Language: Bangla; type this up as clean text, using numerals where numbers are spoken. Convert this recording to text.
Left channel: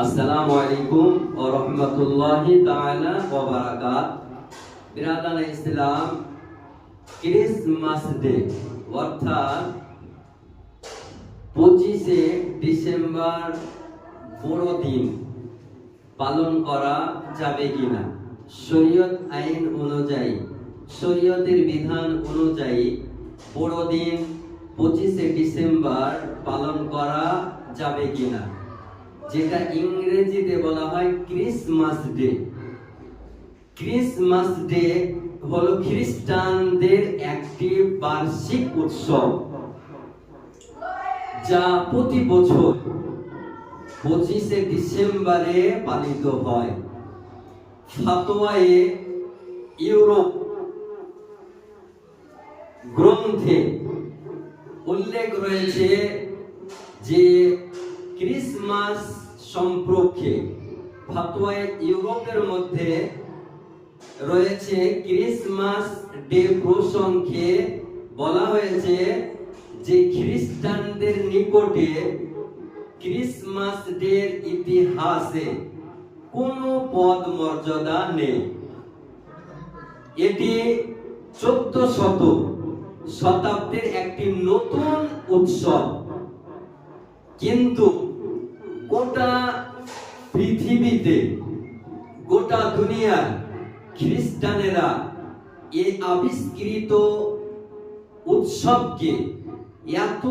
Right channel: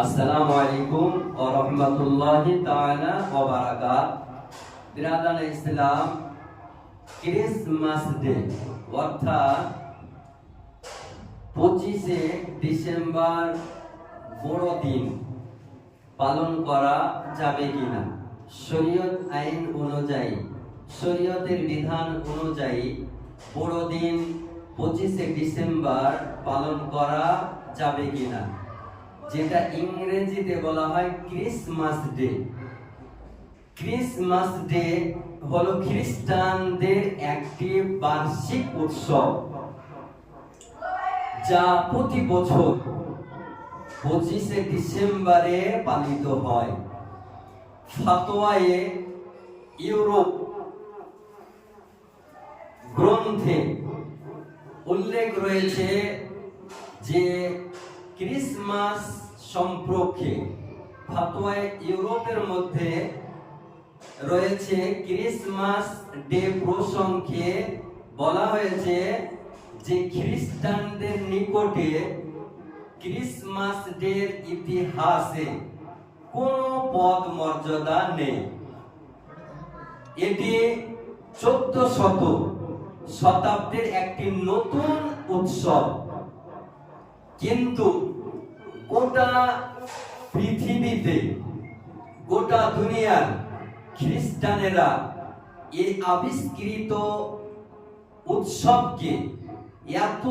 আসসালামু আলাইকুম ওয়া রাহমাতুল্লাহি তাআলা ওয়া বারাকাত। বিরাদান ইসলাম, ক্রিসমাস ডে অর্থাৎ 25শে ডিসেম্বর বড়দিন পালন করা যাবে কিনা? শরীয়ত আইন অনুযায়ী, শরীয়তের বিধান অনুযায়ী বড়দিন 25শে ডিসেম্বর পালন করা যাবে কিনা, যেটা ইংরেজিতে বলা হয় ক্রিসমাস ডে। ক্রিসমাস ডে হলো খ্রিস্টানদের একটি বার্ষিক উৎসব, যা প্রতি বছর 25শে ডিসেম্বরে পালিত হয়। ফাতোয়ায়ে ইউরোপ গ্রন্থে উল্লেখ রয়েছে যে ক্রিসমাস সম্পর্কে ফাতোয়ায়ে ইউরোপের মধ্যে রয়েছে ক্রিসমাস ডে প্রসঙ্গে বলা হয়েছে যে খ্রিস্টানদের নিকটে ক্রিসমাস ডের ইতিহাসে কোনো পদ মর্যাদা নেই। এটি 1400 শতাব্দীর একটি নতুন উৎসব, কিন্তু গোটা পৃথিবীতে, গোটা দুনিয়ার খ্রিস্টানেরা এই আবিষ্কৃত উৎসবকে এত